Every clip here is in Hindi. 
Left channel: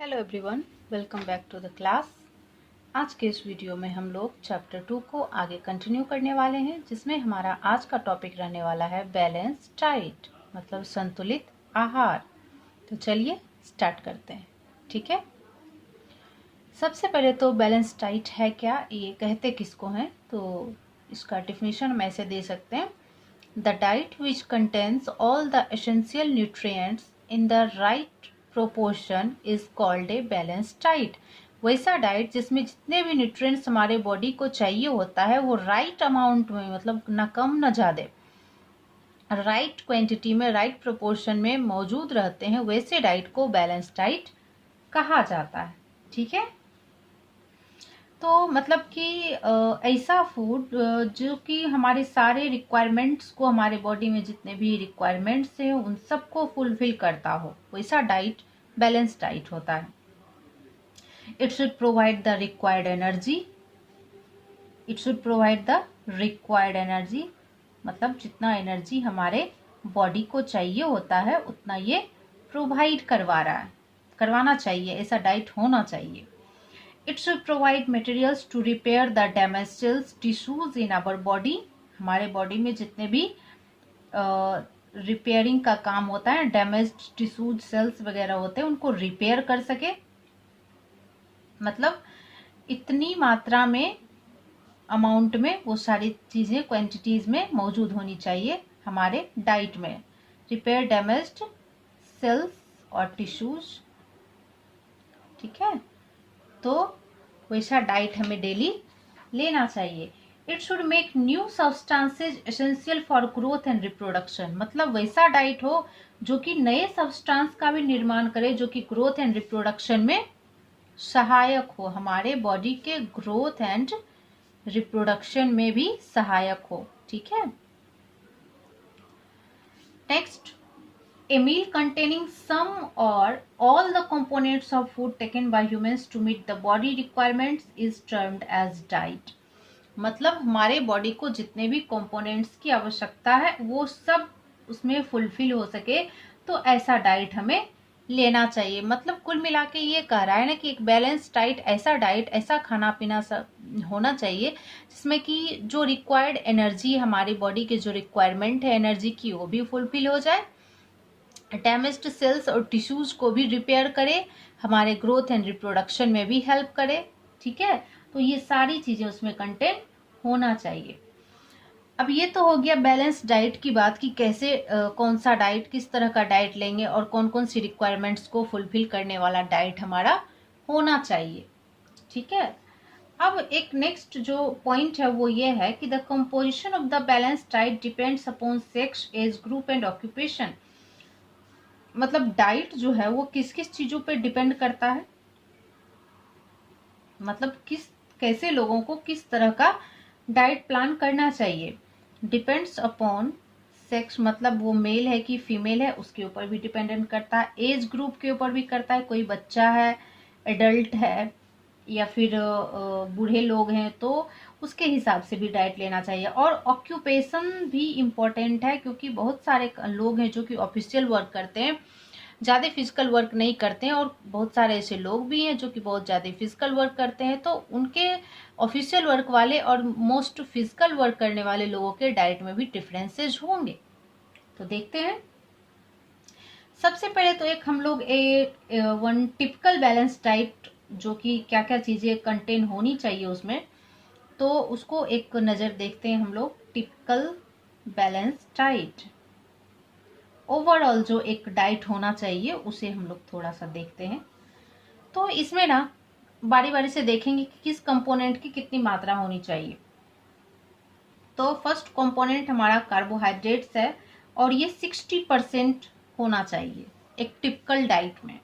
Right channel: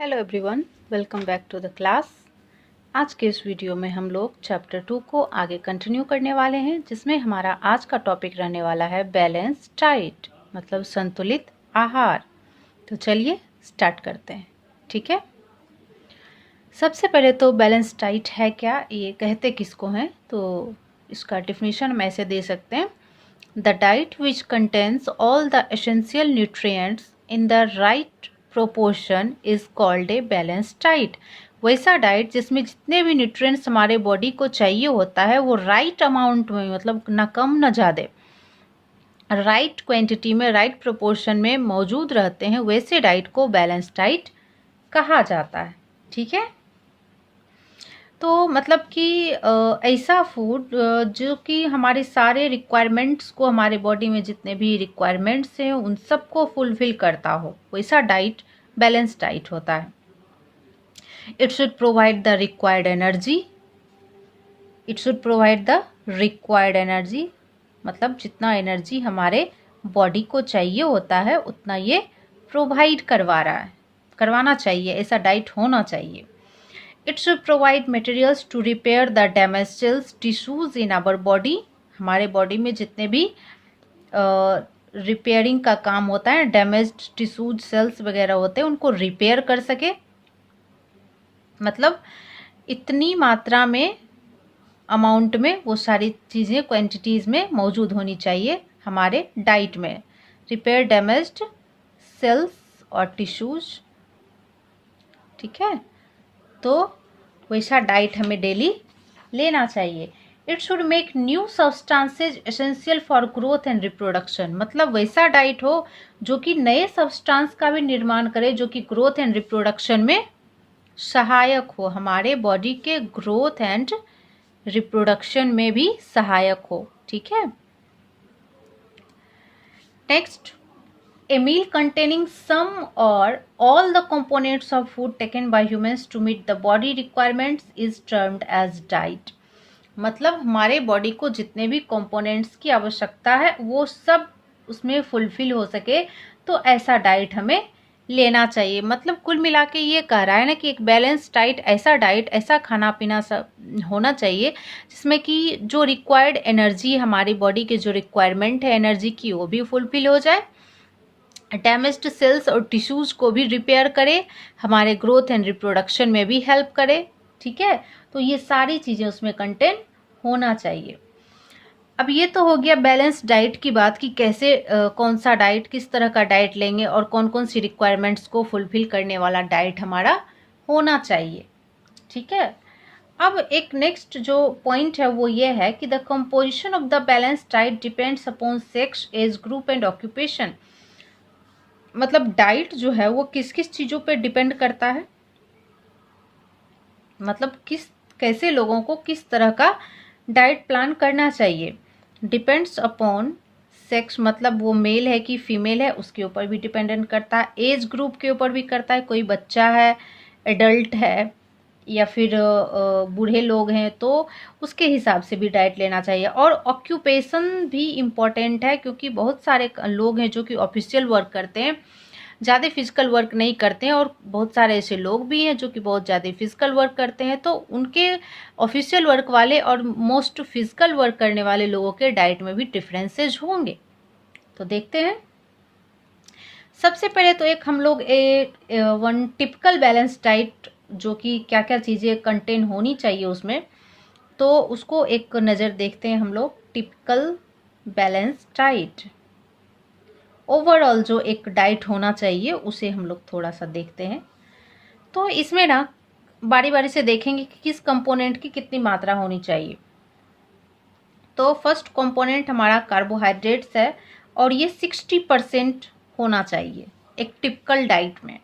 Hello everyone, welcome back to the class. आज के इस वीडियो में हम लोग चैप्टर 2 को आगे कंटिन्यू करने वाले हैं, जिसमें हमारा आज का टॉपिक रहने वाला है बैलेंस डाइट, मतलब संतुलित आहार। तो चलिए स्टार्ट करते हैं। ठीक है, सबसे पहले तो बैलेंस डाइट है क्या, ये कहते किसको हैं? तो इसका डिफिनीशन हम ऐसे दे सकते हैं: the diet which contains all the essential nutrients in the right proportion is called a balance diet. वैसा डाइट जिसमें जितने भी न्यूट्रिएंट्स हमारे बॉडी को चाहिए होता है वो राइट अमाउंट में, मतलब ना कम ना ज़्यादा, राइट क्वांटिटी में, राइट प्रोपोर्शन में मौजूद रहते हैं, वैसे डाइट को बैलेंस डाइट कहा जाता है। ठीक है, तो मतलब कि ऐसा फूड जो कि हमारे सारे रिक्वायरमेंट्स को, हमारे बॉडी में जितने भी रिक्वायरमेंट्स हैं उन सबको फुलफिल करता हो, वैसा डाइट बैलेंस डाइट होता है। It should provide the required energy. It should provide the required energy, मतलब जितना एनर्जी हमारे बॉडी को चाहिए होता है उतना ये प्रोवाइड करवाना चाहिए, ऐसा डाइट होना चाहिए। It should provide materials to repair the damaged cells, tissues in our body। हमारे बॉडी में जितने भी रिपेयरिंग का काम होता है, डैमेज्ड टिश्यूज, सेल्स वगैरह होते हैं, उनको रिपेयर कर सके। मतलब इतनी मात्रा में, अमाउंट में वो सारी चीज़ें क्वांटिटीज में मौजूद होनी चाहिए हमारे डाइट में। रिपेयर डैमेज्ड सेल्स और टिश्यूज। ठीक है, तो वैसा डाइट हमें डेली लेना चाहिए। It should make new substances essential for growth and reproduction. मतलब वैसा डाइट हो जो कि नए सब्सटेंस का भी निर्माण करे, जो कि ग्रोथ एंड रिप्रोडक्शन में सहायक हो, हमारे बॉडी के ग्रोथ एंड रिप्रोडक्शन में भी सहायक हो। ठीक है, next, a meal containing some or all the components of food taken by humans to meet the body requirements is termed as diet। मतलब हमारे बॉडी को जितने भी कंपोनेंट्स की आवश्यकता है वो सब उसमें फुलफिल हो सके, तो ऐसा डाइट हमें लेना चाहिए। मतलब कुल मिला के ये कह रहा है ना कि एक बैलेंस डाइट, ऐसा डाइट, ऐसा खाना पीना सब होना चाहिए जिसमें कि जो रिक्वायर्ड एनर्जी, हमारी बॉडी के जो रिक्वायरमेंट है एनर्जी की, वो भी फुलफिल हो जाए, डैमेज्ड सेल्स और टिश्यूज को भी रिपेयर करे, हमारे ग्रोथ एंड रिप्रोडक्शन में भी हेल्प करे। ठीक है, तो ये सारी चीजें उसमें कंटेन होना चाहिए। अब ये तो हो गया बैलेंस डाइट की बात कि कैसे कौन सा डाइट, किस तरह का डाइट लेंगे और कौन कौन सी रिक्वायरमेंट्स को फुलफिल करने वाला डाइट हमारा होना चाहिए। ठीक है, अब एक नेक्स्ट जो पॉइंट है वो ये है कि the composition of the balance diet depends upon sex, age group and occupation. मतलब डाइट जो है वो किस किस चीजों पे डिपेंड करता है, मतलब कैसे लोगों को किस तरह का डाइट प्लान करना चाहिए। डिपेंड्स अपॉन सेक्स, मतलब वो मेल है कि फीमेल है, उसके ऊपर भी डिपेंडेंट करता है। एज ग्रुप के ऊपर भी करता है, कोई बच्चा है, एडल्ट है, या फिर बूढ़े लोग हैं, तो उसके हिसाब से भी डाइट लेना चाहिए। और ऑक्यूपेशन भी इम्पॉर्टेंट है, क्योंकि बहुत सारे लोग हैं जो कि ऑफिशियल वर्क करते हैं, ज़्यादा फिजिकल वर्क नहीं करते हैं, और बहुत सारे ऐसे लोग भी हैं जो कि बहुत ज़्यादा फिजिकल वर्क करते हैं। तो उनके ऑफिशियल वर्क वाले और मोस्ट फिजिकल वर्क करने वाले लोगों के डाइट में भी डिफरेंसेस होंगे। तो देखते हैं। सबसे पहले तो एक हम लोग वन टिपिकल बैलेंस डाइट, जो कि क्या क्या चीज़ें कंटेन होनी चाहिए उसमें, तो उसको एक नज़र देखते हैं हम लोग। टिपिकल बैलेंस डाइट, ओवरऑल जो एक डाइट होना चाहिए उसे हम लोग थोड़ा सा देखते हैं। तो इसमें ना बारी बारी से देखेंगे कि किस कंपोनेंट की कितनी मात्रा होनी चाहिए। तो फर्स्ट कंपोनेंट हमारा कार्बोहाइड्रेट्स है, और ये 60% होना चाहिए एक टिपिकल डाइट में।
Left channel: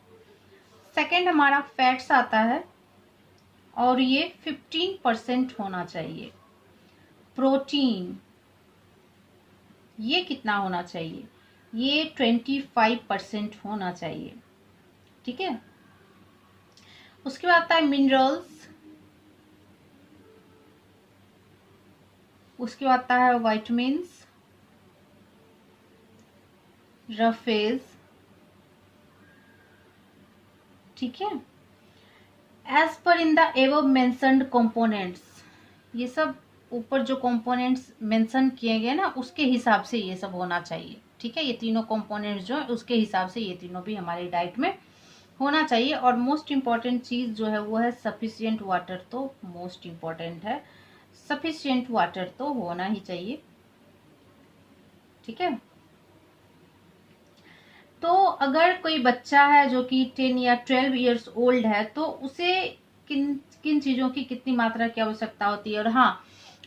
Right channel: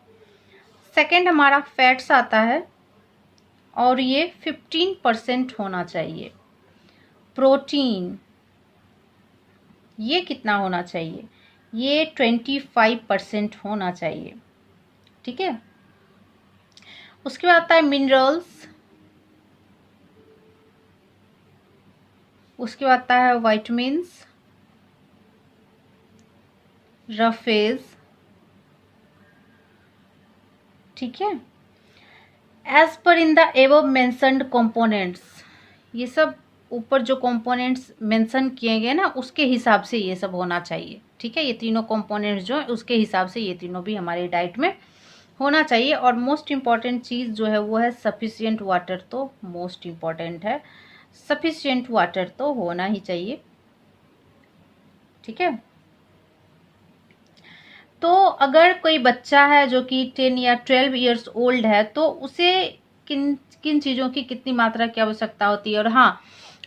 सेकंड हमारा फैट्स आता है, और ये 15% होना चाहिए। प्रोटीन, ये कितना होना चाहिए, ये 25% होना चाहिए। ठीक है, उसके बाद आता है मिनरल्स, उसके बाद आता है विटामिन्स, रफेज, ठीक है। एज पर in the above mentioned components, ये सब ऊपर जो कंपोनेंट्स मेंशन किए गए ना उसके हिसाब से ये सब होना चाहिए। ठीक है, ये तीनों कंपोनेंट्स जो है उसके हिसाब से ये तीनों भी हमारी डाइट में होना चाहिए। और मोस्ट इम्पॉर्टेंट चीज़ जो है वो है सफिशिएंट वाटर, तो मोस्ट इम्पॉर्टेंट है, सफिशिएंट वाटर तो होना ही चाहिए। ठीक है, तो अगर कोई बच्चा है जो कि 10 या 12 इयर्स ओल्ड है तो उसे किन किन चीज़ों की कितनी मात्रा की आवश्यकता होती है। और हाँ,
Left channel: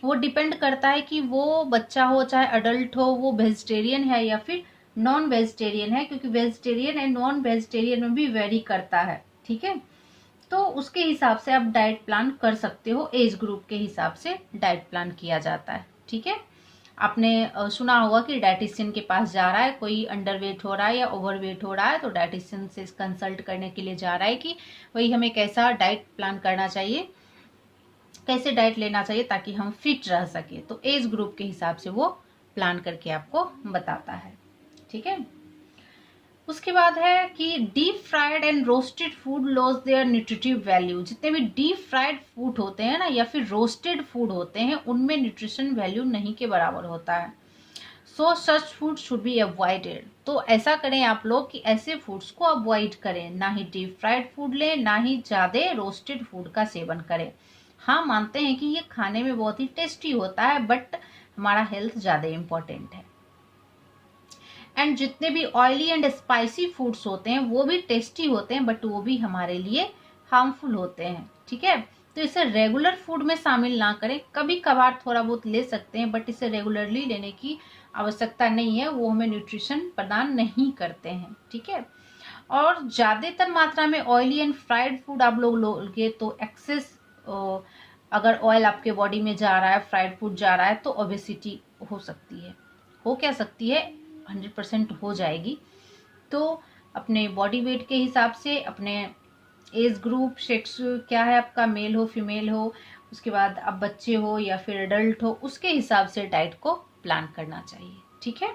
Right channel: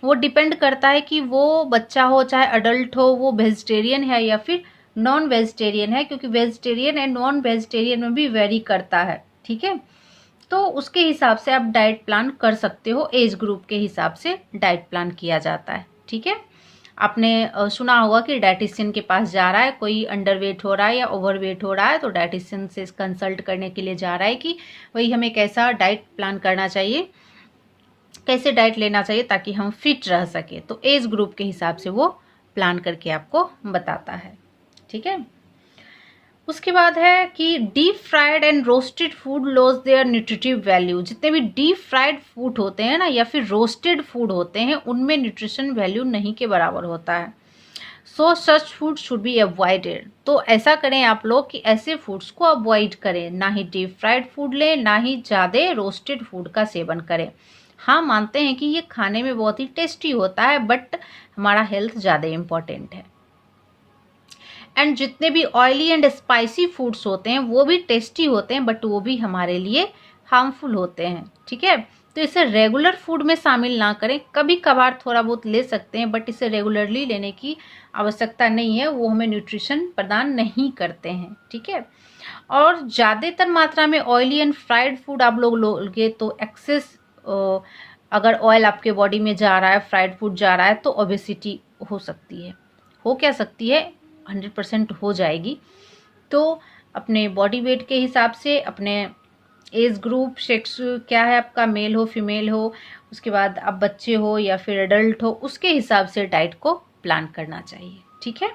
वो डिपेंड करता है कि वो बच्चा हो चाहे अडल्ट हो, वो वेजिटेरियन है या फिर नॉन वेजिटेरियन है, क्योंकि वेजिटेरियन एंड नॉन वेजिटेरियन में भी वेरी करता है। ठीक है, तो उसके हिसाब से आप डाइट प्लान कर सकते हो, एज ग्रुप के हिसाब से डाइट प्लान किया जाता है। ठीक है, आपने सुना होगा कि डाइटिशियन के पास जा रहा है कोई, अंडरवेट हो रहा है या ओवरवेट हो रहा है, तो डाइटिशियन से कंसल्ट करने के लिए जा रहा है कि वही हमें कैसा डाइट प्लान करना चाहिए, कैसे डाइट लेना चाहिए ताकि हम फिट रह सके। तो एज ग्रुप के हिसाब से वो प्लान करके आपको बताता है। ठीक है, उसके बाद है कि deep fried and roasted food loss their nutritive value. जितने भी डीप फ्राइड फूड होते हैं ना या फिर रोस्टेड फूड होते हैं उनमें न्यूट्रिशन वैल्यू नहीं के बराबर होता है। So such food should be avoided. तो ऐसा करें आप लोग कि ऐसे फूड्स को अवॉइड करें, ना ही डीप फ्राइड फूड लें, ना ही ज़्यादा रोस्टेड फूड का सेवन करें। हाँ, मानते हैं कि ये खाने में बहुत ही टेस्टी होता है बट हमारा हेल्थ ज़्यादा इम्पोर्टेंट है। एंड जितने भी ऑयली एंड स्पाइसी फूड्स होते हैं वो भी टेस्टी होते हैं बट वो भी हमारे लिए हार्मफुल होते हैं। ठीक है, तो इसे रेगुलर फूड में शामिल ना करें, कभी कभार थोड़ा बहुत ले सकते हैं बट इसे रेगुलरली लेने की आवश्यकता नहीं है, वो हमें न्यूट्रिशन प्रदान नहीं करते हैं। ठीक है, और ज़्यादातर मात्रा में ऑयली एंड फ्राइड फूड आप लोग लोगे तो एक्सेस, अगर ऑयल आपके बॉडी में जा रहा है, फ्राइड फूड जा रहा है, तो ओबेसिटी हो सकती है, हो क्या सकती है, 100% हो जाएगी। तो अपने बॉडी वेट के हिसाब से, अपने एज ग्रुप, सेक्स क्या है आपका, मेल हो फीमेल हो, उसके बाद आप बच्चे हो या फिर एडल्ट हो, उसके हिसाब से डाइट को प्लान करना चाहिए। ठीक है,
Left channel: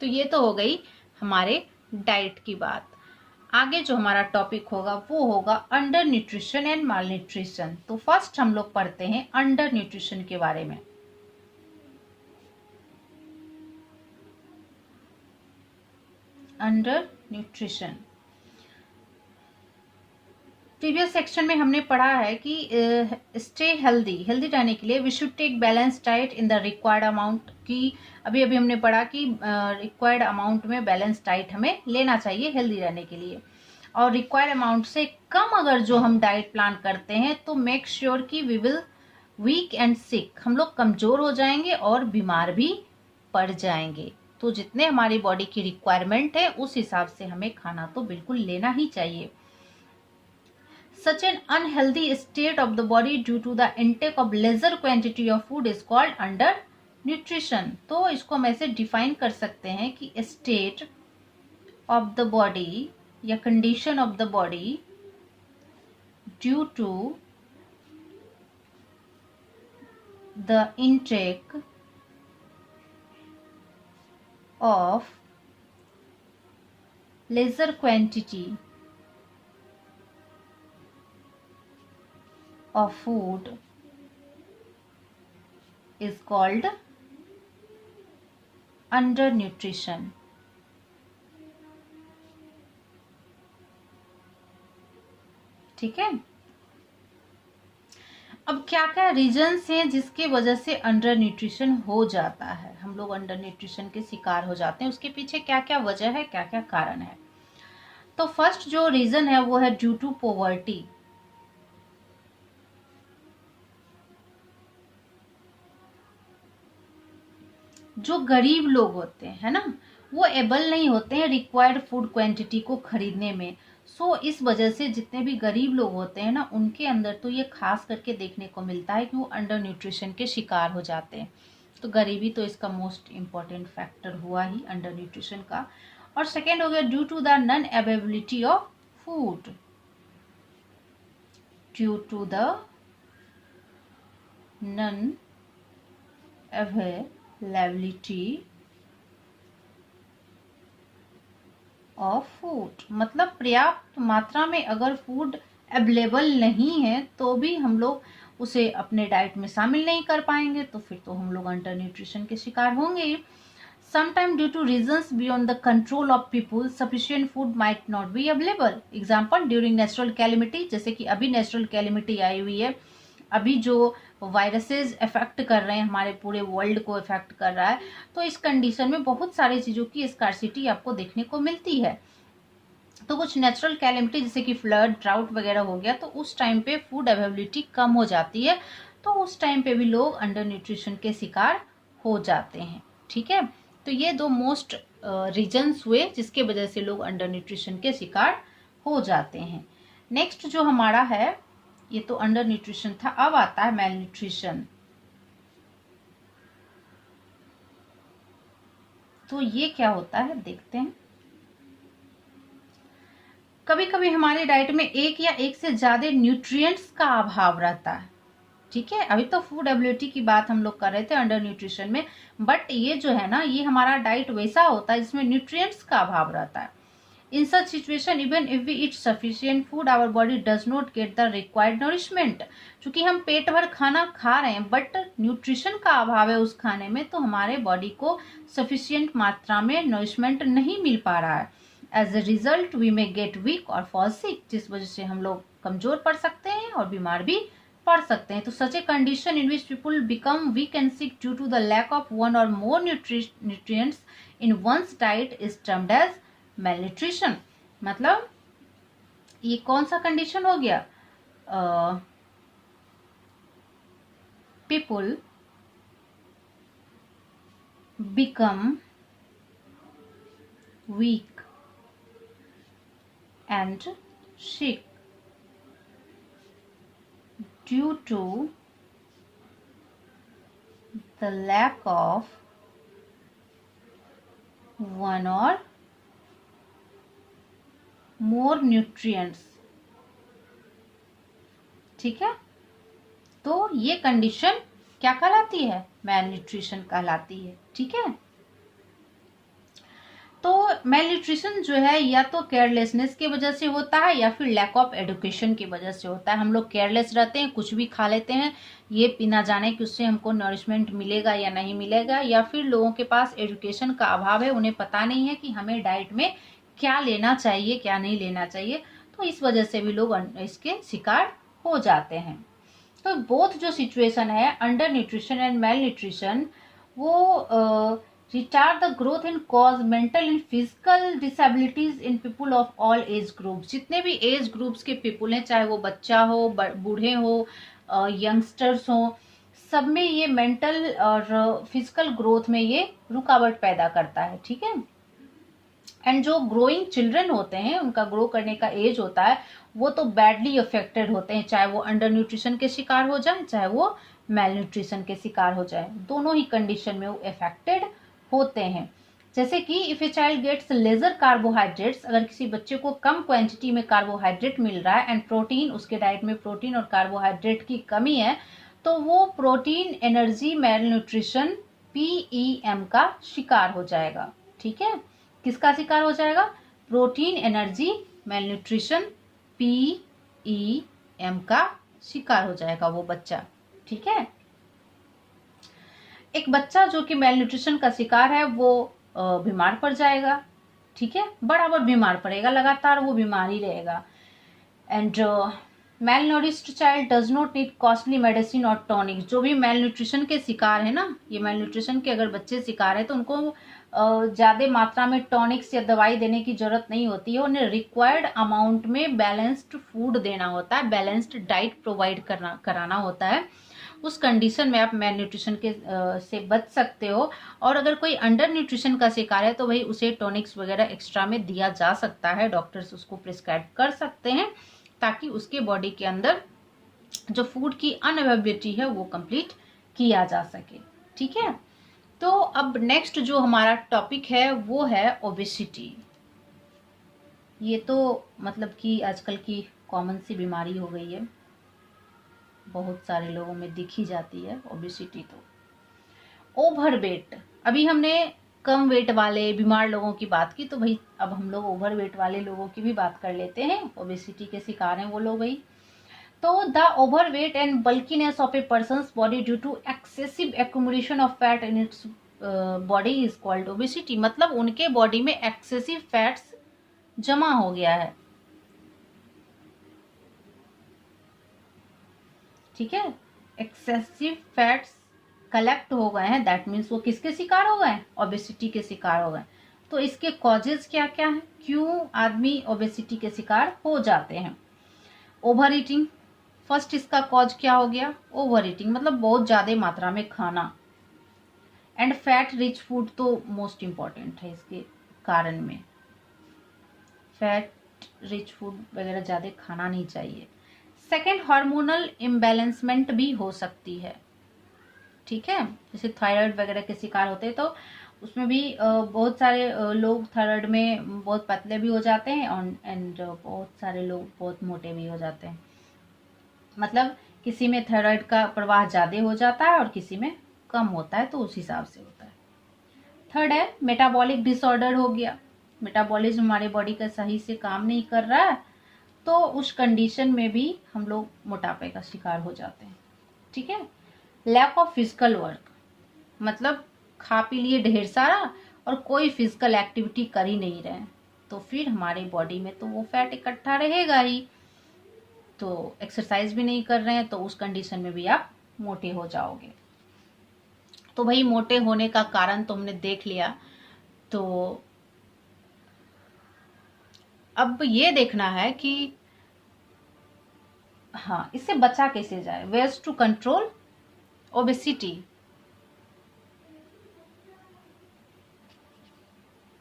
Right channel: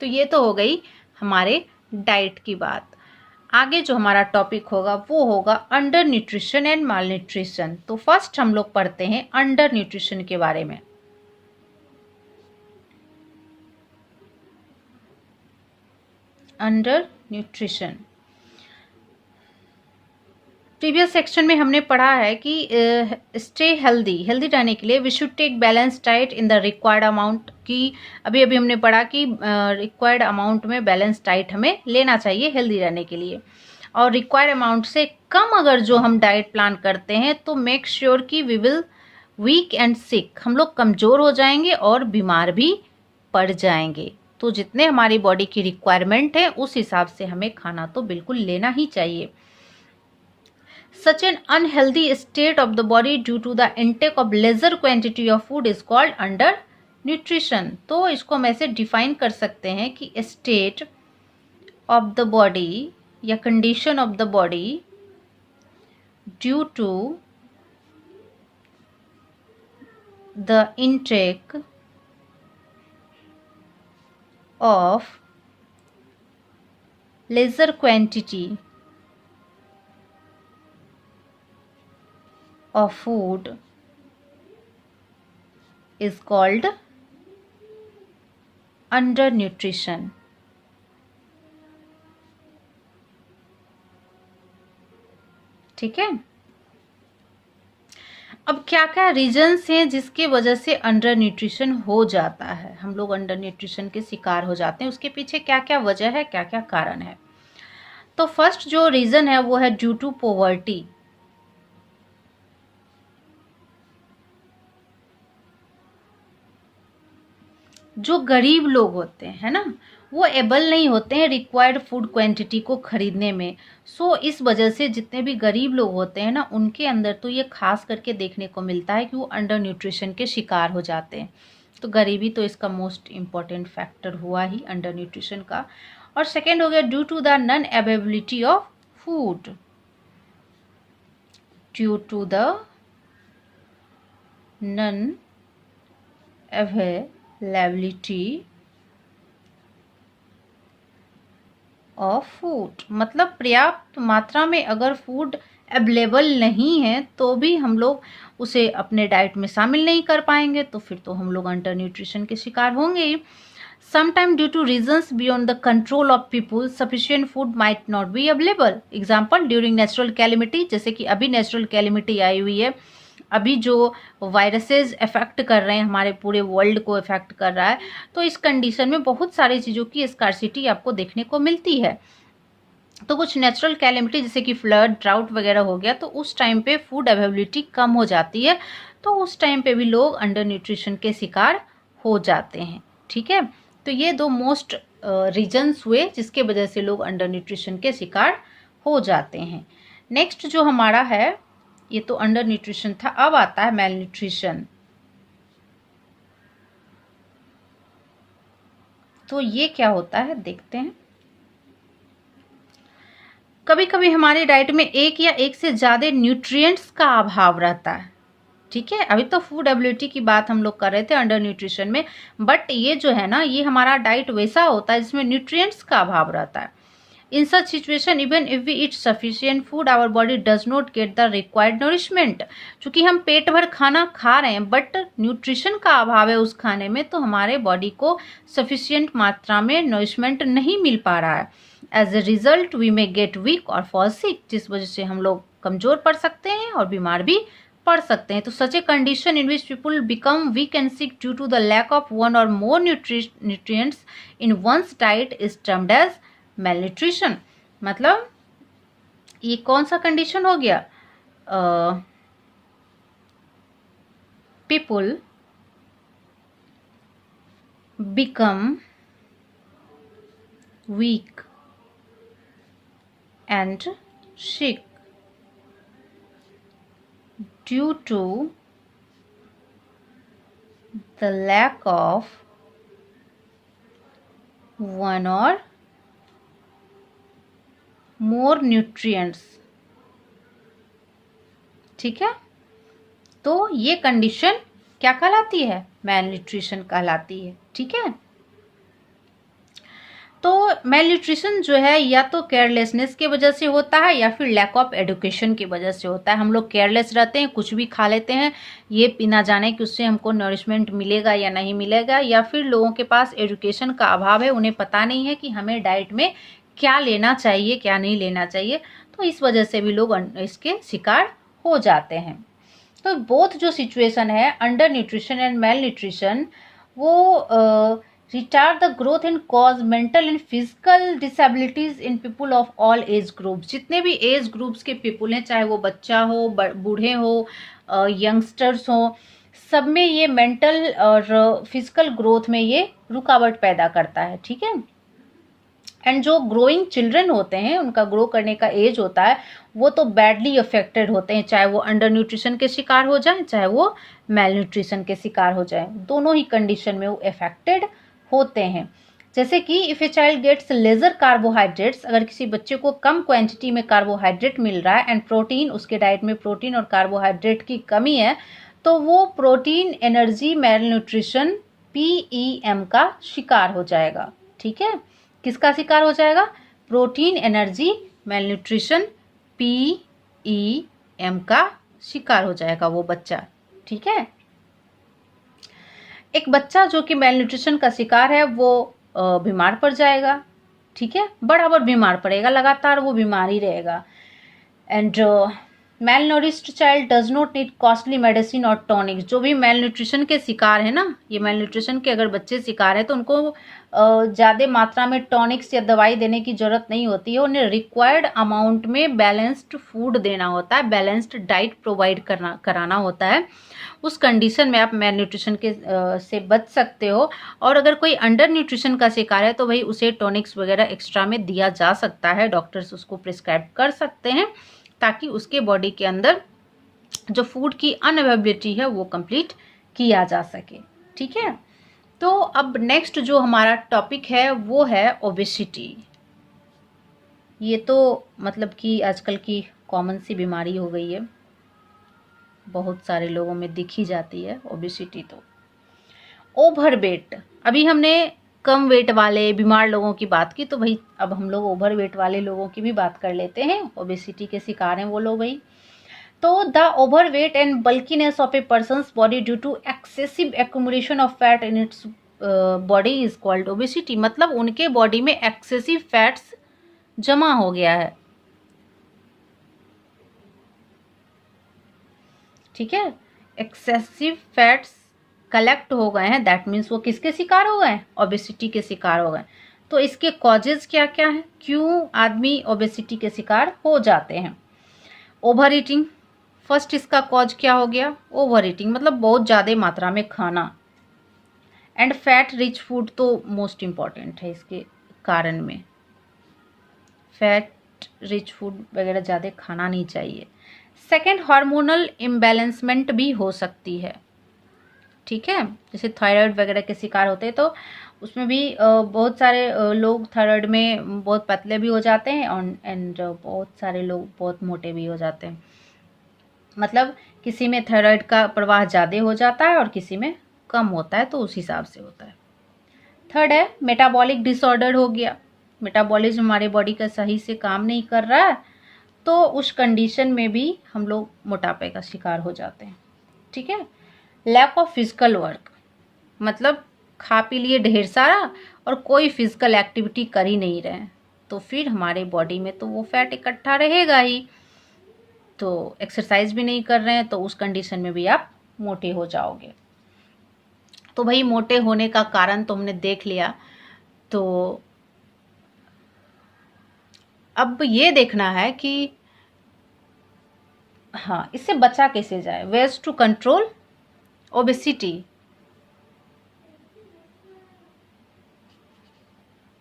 तो ये तो हो गई हमारे डाइट की बात। आगे जो हमारा टॉपिक होगा वो होगा under nutrition and mall nutrition. तो फर्स्ट हम लोग पढ़ते हैं अंडर न्यूट्रिशन के बारे में। अंडर न्यूट्रिशन, प्रीवियस सेक्शन में हमने पढ़ा है कि स्टे हेल्दी रहने के लिए we should take balance diet in the required amount की। अभी अभी हमने पढ़ा कि रिक्वायर्ड अमाउंट में बैलेंस डाइट हमें लेना चाहिए हेल्दी रहने के लिए, और रिक्वायर्ड अमाउंट से कम अगर जो हम डाइट प्लान करते हैं तो मेक श्योर कि वी विल वीक एंड सिक, हम लोग कमज़ोर हो जाएंगे और बीमार भी पड़ जाएंगे। तो जितने हमारी बॉडी की रिक्वायरमेंट है उस हिसाब से हमें खाना तो बिल्कुल लेना ही चाहिए। Such an unhealthy state of the body due to the intake of lesser quantity of food is called undernutrition। तो इसको हम ऐसे डिफाइन कर सकते हैं कि state of the body या condition of the body due to the intake of lesser quantity of food is called undernutrition। ठीक है, अब क्या क्या रीजन्स हैं जिसके वजह से अंडर न्यूट्रिशन हो जाता है, हम लोग अंडर न्यूट्रिशन के शिकार हो जाते हैं, उसके पीछे क्या क्या वजह है, क्या क्या कारण है। तो फर्स्ट जो रीजन है वो है ड्यू टू पॉवर्टी। जो गरीब लोग होते हैं है ना, वो एबल नहीं होते हैं रिक्वायर्ड फूड क्वांटिटी को खरीदने में। सो इस वजह से जितने भी गरीब लोग होते हैं ना उनके अंदर तो ये खास करके देखने को मिलता है कि वो अंडर न्यूट्रिशन के शिकार हो जाते हैं। तो गरीबी तो इसका मोस्ट इम्पॉर्टेंट फैक्टर हुआ ही अंडर न्यूट्रिशन का। और सेकेंड हो गया due to the non availability of food, due to the non availability of food, मतलब पर्याप्त मात्रा में अगर फूड अवेलेबल नहीं है तो भी हम लोग उसे अपने डाइट में शामिल नहीं कर पाएंगे, तो फिर तो हम लोग अंडर न्यूट्रिशन के शिकार होंगे ही। Sometimes due to reasons beyond the control of people, sufficient food might not be available. Example, during natural calamity, जैसे कि अभी नेचुरल कैलिमिटी आई हुई है, अभी जो वायरसेस इफेक्ट कर रहे हैं, हमारे पूरे वर्ल्ड को इफेक्ट कर रहा है, तो इस कंडीशन में बहुत सारी चीज़ों की स्कार्सिटी आपको देखने को मिलती है। तो कुछ नेचुरल कैलिमिटी जैसे कि फ्लड, ड्राउट वगैरह हो गया, तो उस टाइम पे फूड अवेलेबिलिटी कम हो जाती है, तो उस टाइम पे भी लोग अंडर न्यूट्रिशन के शिकार हो जाते हैं। ठीक है, तो ये दो मोस्ट रीजन्स हुए जिसके वजह से लोग अंडर न्यूट्रिशन के शिकार हो जाते हैं। नेक्स्ट जो हमारा है, ये तो अंडर न्यूट्रिशन था, अब आता है मेल न्यूट्रिशन। तो ये क्या होता है देखते हैं। कभी कभी हमारे डाइट में एक या एक से ज्यादा न्यूट्रिएंट्स का अभाव रहता है। ठीक है, अभी तो फूड एबिलिटी की बात हम लोग कर रहे थे अंडर न्यूट्रिशन में, बट ये जो है ना, ये हमारा डाइट वैसा होता है जिसमें न्यूट्रिएंट्स का अभाव रहता है। In such situation even if we eat sufficient food our body does not get the required nourishment. क्योंकि हम पेट भर खाना खा रहे हैं बट न्यूट्रिशन का अभाव है उस खाने में, तो हमारे बॉडी को सफिशिएंट मात्रा में नरिशमेंट नहीं मिल पा रहा है। As a result we may get weak और फॉल सिक, जिस वजह से हम लोग कमजोर पड़ सकते हैं और बीमार भी पड़ सकते हैं। तो such a condition in which people become weak and sick due to the lack of one or more nutrients in one's diet is termed as malnutrition. मतलब ये कौन सा कंडीशन हो गया? People become weak and sick due to the lack of one or more nutrients। ठीक है, तो ये कंडीशन क्या कहलाती है? मेलन्यूट्रिशन कहलाती है। ठीक है, तो मेलन्यूट्रिशन जो है या तो केयरलेसनेस की वजह से होता है या फिर लैक ऑफ एजुकेशन की वजह से होता है। हम लोग केयरलेस रहते हैं, कुछ भी खा लेते हैं, ये बिना जाने कि उससे हमको नरिशमेंट मिलेगा या नहीं मिलेगा, या फिर लोगों के पास एजुकेशन का अभाव है, उन्हें पता नहीं है कि हमें डाइट में क्या लेना चाहिए क्या नहीं लेना चाहिए, तो इस वजह से भी लोग इसके शिकार हो जाते हैं। तो बोथ जो सिचुएशन है, under nutrition and mail nutrition, वो retard the growth and cause mental and physical disabilities in people of all age groups। जितने भी एज ग्रुप्स के पीपल हैं, चाहे वो बच्चा हो, बूढ़े हो, यंगस्टर्स हो, सब में ये मेंटल और फिजिकल ग्रोथ में ये रुकावट पैदा करता है। ठीक है, एंड जो ग्रोइंग चिल्ड्रन होते हैं, उनका ग्रो करने का एज होता है, वो तो बैडली अफेक्टेड होते हैं, चाहे वो अंडर न्यूट्रिशन के शिकार हो जाए चाहे वो मेल न्यूट्रिशन के शिकार हो जाए, दोनों ही कंडीशन में वो अफेक्टेड होते हैं। जैसे कि if a child gets lesser carbohydrates, अगर किसी बच्चे को कम क्वांटिटी में कार्बोहाइड्रेट मिल रहा है एंड प्रोटीन, उसके डाइट में प्रोटीन और कार्बोहाइड्रेट की कमी है, तो वो protein energy mail nutrition PEM का शिकार हो जाएगा। ठीक है, किसका शिकार हो जाएगा? Protein energy mail nutrition PEM का शिकार हो जाएगा वो बच्चा। ठीक है, एक बच्चा जो कि मेल न्यूट्रिशन का शिकार है वो बीमार पड़ जाएगा। ठीक है, बराबर बीमार पड़ेगा, लगातार वो बीमार ही रहेगा। And malnourished child does not need costly medicine और टॉनिक। जो भी मेल न्यूट्रिशन के शिकार है ना, ये मेल न्यूट्रिशन के अगर बच्चे शिकार है तो उनको ज़्यादा मात्रा में टॉनिक्स या दवाई देने की जरूरत नहीं होती है, उन्हें रिक्वायर्ड अमाउंट में बैलेंस्ड फूड देना होता है, बैलेंस्ड डाइट प्रोवाइड कराना होता है। उस कंडीशन में आप मेल न्यूट्रिशन के से बच सकते हो। और अगर कोई अंडर न्यूट्रिशन का शिकार है तो भाई उसे टॉनिक्स वगैरह एक्स्ट्रा में दिया जा सकता है, डॉक्टर्स उसको प्रिस्क्राइब कर सकते हैं, ताकि उसके बॉडी के अंदर जो फूड की अनअवेलेबिलिटी है वो कंप्लीट किया जा सके। ठीक है, तो अब नेक्स्ट जो हमारा टॉपिक है वो है ओबेसिटी। ये तो मतलब कि आजकल की कॉमन सी बीमारी हो गई है, बहुत सारे लोगों में दिखी जाती है ओबेसिटी। तो ओवरवेट, अभी हमने कम वेट वाले बीमार लोगों की बात की, तो भाई अब हम लोग ओवर वेट वाले लोगों की भी बात कर लेते हैं। ओबेसिटी के शिकार हैं वो लोग भाई। तो the over weight and bulkiness of a person's body due to excessive accumulation of fat in its body is called obesity. मतलब उनके बॉडी में एक्सेसिव फैट्स जमा हो गया है, ठीक है, एक्सेसिव फैट्स कलेक्ट हो गए हैं, दैट मीन्स वो किसके शिकार हो गए? ओबेसिटी के शिकार हो गए। तो इसके कॉजेज क्या क्या हैं, क्यों आदमी ओबेसिटी के शिकार हो जाते हैं? ओवर ईटिंग, फर्स्ट इसका कॉज क्या हो गया? ओवर ईटिंग, मतलब बहुत ज़्यादा मात्रा में खाना। एंड फैट रिच फूड तो मोस्ट इम्पॉर्टेंट है इसके कारण में, फैट रिच फूड वगैरह ज़्यादा खाना नहीं चाहिए। सेकेंड, हार्मोनल इम्बैलेंसमेंट भी हो सकती है, ठीक है, जैसे थायराइड वगैरह के शिकार होते हैं तो उसमें भी बहुत सारे लोग थायराइड में बहुत पतले भी हो जाते हैं एंड बहुत सारे लोग बहुत मोटे भी हो जाते हैं। मतलब किसी में थायराइड का प्रवाह ज़्यादा हो जाता है और किसी में कम होता है, तो उस हिसाब से होता है। थर्ड है मेटाबॉलिक डिसऑर्डर हो गया, मेटाबॉलिज्म हमारे बॉडी का सही से काम नहीं कर रहा है, तो उस कंडीशन में भी हम लोग मोटापे का शिकार हो जाते हैं, ठीक है। लैक ऑफ फिजिकल वर्क, मतलब खा पी लिए ढेर सारा और कोई फिजिकल एक्टिविटी कर ही नहीं रहे, तो फिर हमारे बॉडी में तो वो फैट इकट्ठा रहेगा ही। तो एक्सरसाइज भी नहीं कर रहे हैं तो उस कंडीशन में भी आप मोटे हो जाओगे। तो भाई मोटे होने का कारण तो हमने देख लिया, तो अब ये देखना है कि हाँ इससे बचा कैसे जाए। वेज टू कंट्रोल ओबेसिटी,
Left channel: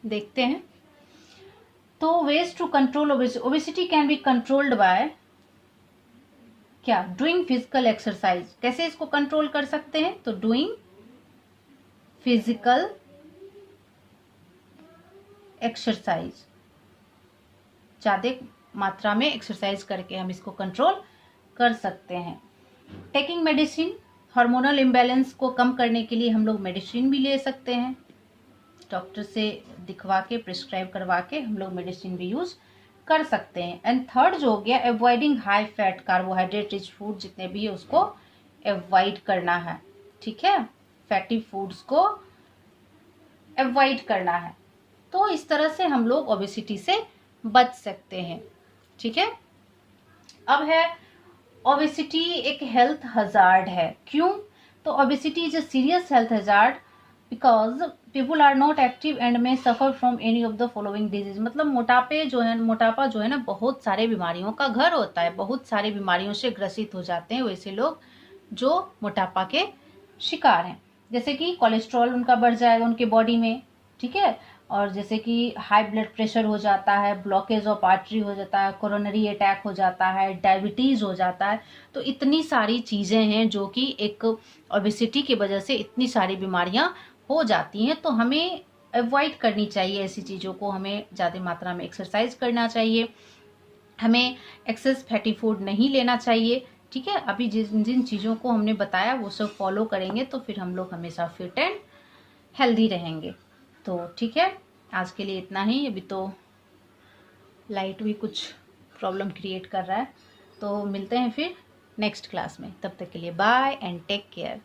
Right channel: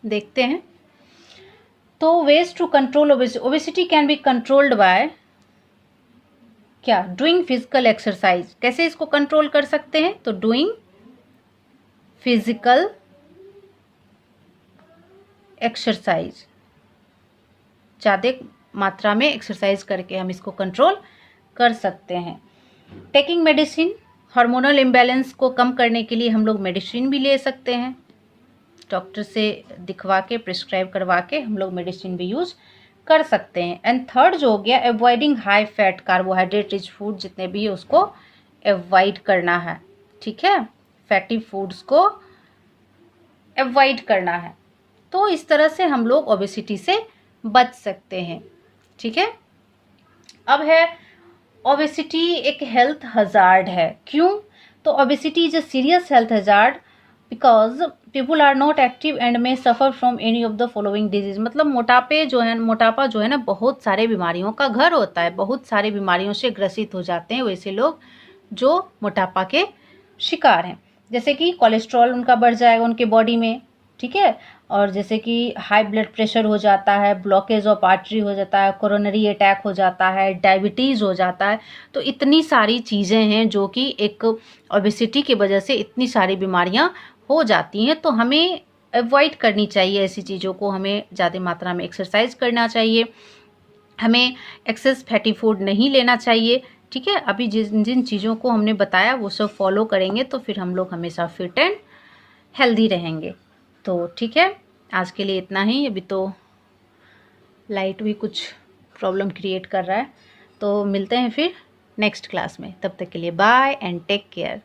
देखते हैं। तो ways to control obesity can be controlled by क्या? Doing physical exercise. कैसे इसको कंट्रोल कर सकते हैं? तो डूइंग फिजिकल एक्सरसाइज, ज़्यादा मात्रा में एक्सरसाइज करके हम इसको कंट्रोल कर सकते हैं। टेकिंग मेडिसिन, हार्मोनल इम्बैलेंस को कम करने के लिए हम लोग मेडिसिन भी ले सकते हैं, डॉक्टर से दिखवा के प्रिस्क्राइब करवा के हम लोग मेडिसिन भी यूज़ कर सकते हैं। एंड थर्ड जो हो गया, avoiding high fat carbohydrate rich food, जितने भी है उसको अवॉइड करना है, ठीक है, फैटी फूड्स को अवॉइड करना है। तो इस तरह से हम लोग ओबेसिटी से बच सकते हैं, ठीक है। अब है ओबेसिटी एक हेल्थ हजार्ड है, क्यों? तो obesity is a serious health hazard because people are not active and may suffer from any of the following disease. मतलब मोटापा जो है ना बहुत सारे बीमारियों का घर होता है, बहुत सारी बीमारियों से ग्रसित हो जाते हैं वैसे लोग जो मोटापा के शिकार हैं। जैसे कि कोलेस्ट्रॉल उनका बढ़ जाएगा उनके बॉडी में, ठीक है, और जैसे कि हाई ब्लड प्रेशर हो जाता है, ब्लॉकेज ऑफ आर्टरी हो जाता है, कोरोनरी अटैक हो जाता है, डायबिटीज़ हो जाता है। तो इतनी सारी चीज़ें हैं जो कि एक ओबेसिटी की वजह से इतनी सारी बीमारियां हो जाती हैं। तो हमें अवॉइड करनी चाहिए ऐसी चीज़ों को, हमें ज़्यादा मात्रा में एक्सरसाइज करना चाहिए, हमें एक्सेस फैटी फूड नहीं लेना चाहिए, ठीक है। अभी जिन जिन चीज़ों को हमने बताया वो सब फॉलो करेंगे तो फिर हम लोग हमेशा फिट एंड हेल्दी रहेंगे। तो ठीक है, आज के लिए इतना ही। अभी तो लाइट भी कुछ प्रॉब्लम क्रिएट कर रहा है, तो मिलते हैं फिर नेक्स्ट क्लास में। तब तक के लिए बाय एंड टेक केयर।